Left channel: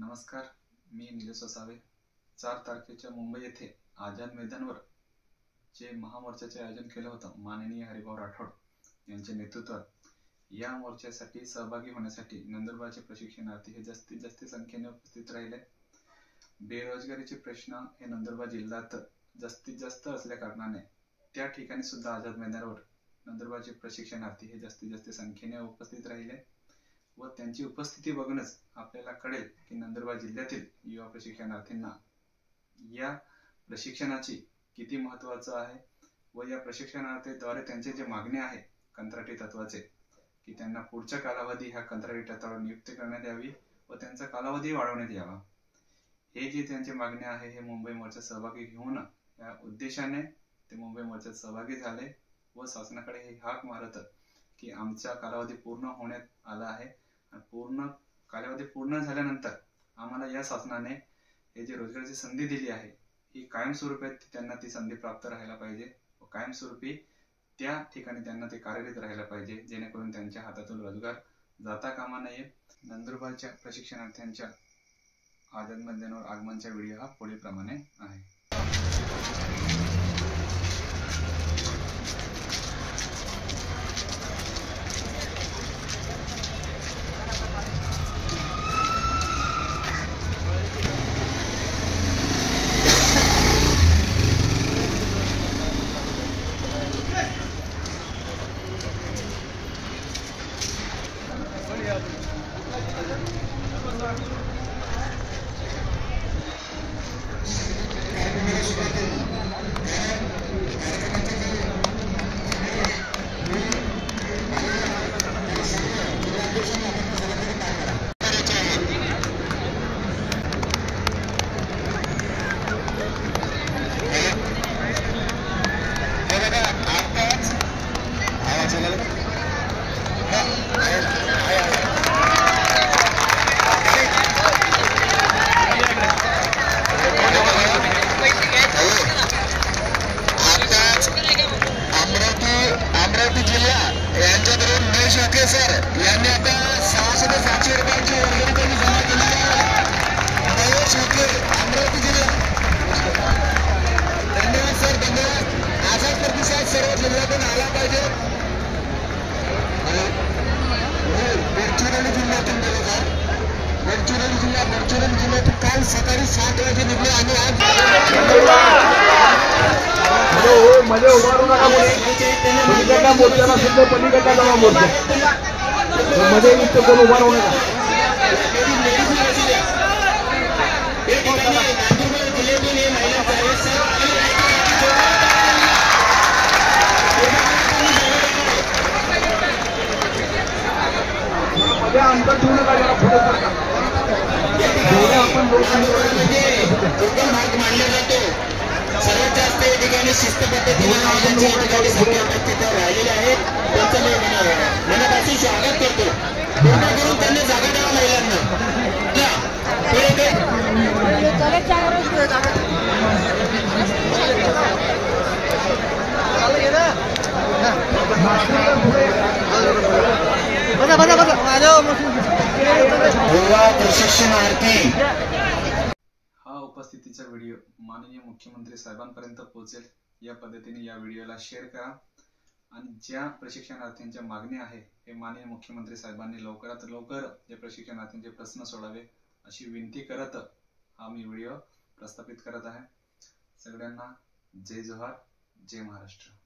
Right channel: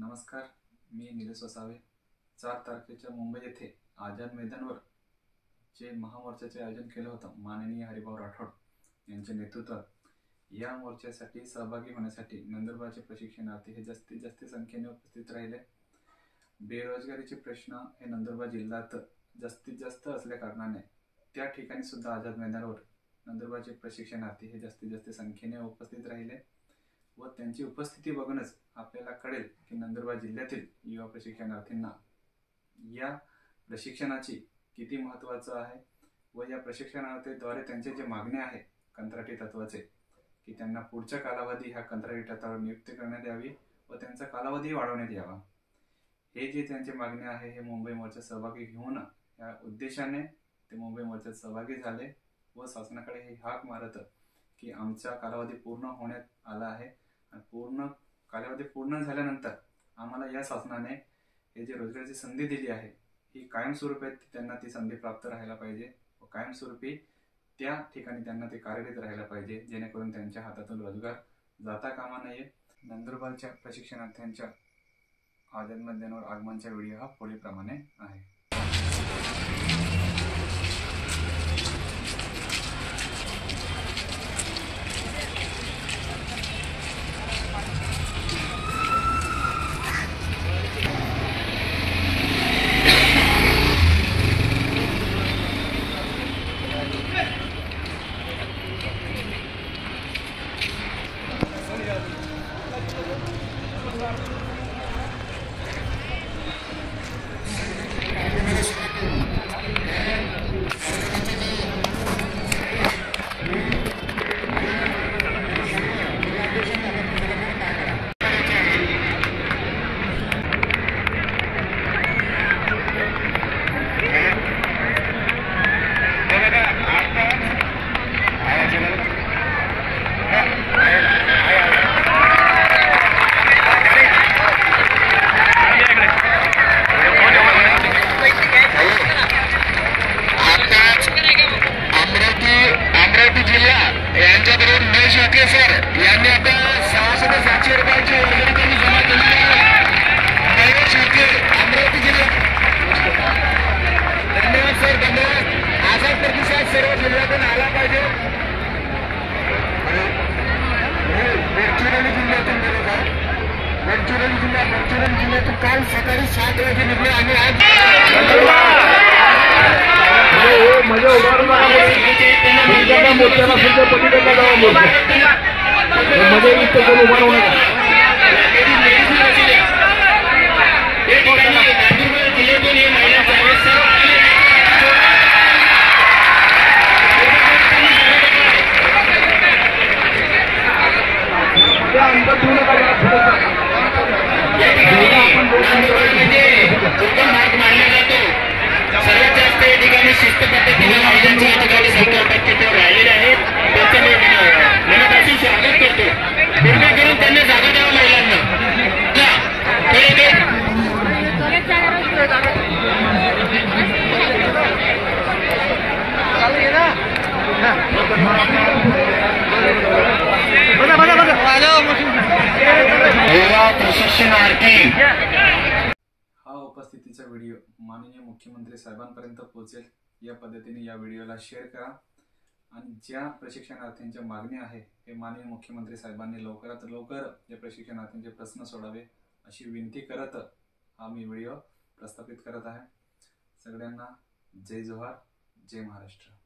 नमस्कार, मी निलेश वसावे। 4 तारखेच्या मुंबई येथे आझाद मैदानावर जे महामोर्चाचे आयोजन केलं होतं माननीय हरिभाऊ राठोड यांच्या नेतृत्वात, या मोर्चासाठी सहभागी होण्यासाठी नंदुरबारचे प्रशिक्षणार्थी हे जास्तीत जास्त संख्येने उपस्थित राहिले। बेरोजगारीचे प्रश्न हे नंदुरबार जिल्ह्यात जास्तीत जास्त असल्या कारणाने त्या ठिकाणी सुद्धा आझाद मैदानावर नंदुरबारचे प्रशिक्षणार्थी हे जास्तीत जास्त संख्येने उपस्थित राहिले व त्यांची उपस्थिती बघूनच आपल्याला कळेल की नंदुरबार जिल्ह्यातील युवा प्रशिक्षणार्थींना या प्रशिक्षणाची किती महत्त्वाचं आहे व या प्रशिक्षणार्थीद्वारे त्यांचे जे मागणे आहे कंत्राटी तत्वाचे की त्यांना पुढच्या कालावधी ह्या कंत्राटी तत्वावर नियुक्ती करण्यात यावी व त्यांचा कालावधी वाढवण्यात यावा, हे जे त्यांचे मागणे आहे हे मुंबई मोर्चात सहभागी घेऊन या उद्देशाने ते मुंबई मोर्चात सहभागी झाले व शासनाकडे हे हाक मारत की आमचा कालावधी पूर्ण होण्यात आला आहे आणि पूर्ण कालावधी पूर्ण झाल्यानंतर आम्हाला या शासनाने हे जे रोजगाराची संधी दिली आहे ही कायमस्वरूपी त्यांना ती संधी प्राप्त राहायला पाहिजे व कायमस्वरूपी त्या ठिकाणी त्यांना ते कार्यरत राहायला पाहिजे, जेणेकरून त्यांच्या हातातून रोजगार जाता कामा नये। नंदुरबारच्या प्रशिक्षणार्थ्यांच्या आझाद मैदानावर आगमनचा व्हिडिओ हा पुढीलप्रमाणे आहे। काल सकाळी 7 वाजे निर्णय आले आहेत। मध्ये उभारू नका, मोर्चाला सुद्धा पलीकडला जावा मोर्चा मध्ये इथं कोण उभा राहू नका। मध्ये अंतर ठेवू नका, आपण मानले जातो सर्वात जास्त या ठिकाणी शिस्त राहिलेले आहेत, त्यांचं मनापासून स्वागत करतो। पूर्ण करून त्यांना जागा द्यावा महिलांना। प्रशिक्षणार्थी हा उपस्थितीचा व्हिडिओ माननीय मुख्यमंत्री साहेबांपर्यंत पोहोचेल या पद्धतीने या व्हिडिओला शेअर करा आणि ज्या प्रशिक्षणार्थींच्या मागणी आहे हे माननीय मुख्यमंत्री साहेबांनी लवकरात लवकर या प्रशिक्षणार्थींचे प्रश्न सोडावे अशी विनंती करत हा मी व्हिडिओ प्रस्थापित करत आहे। सगळ्यांना जय जोहार, जय महाराष्ट्र।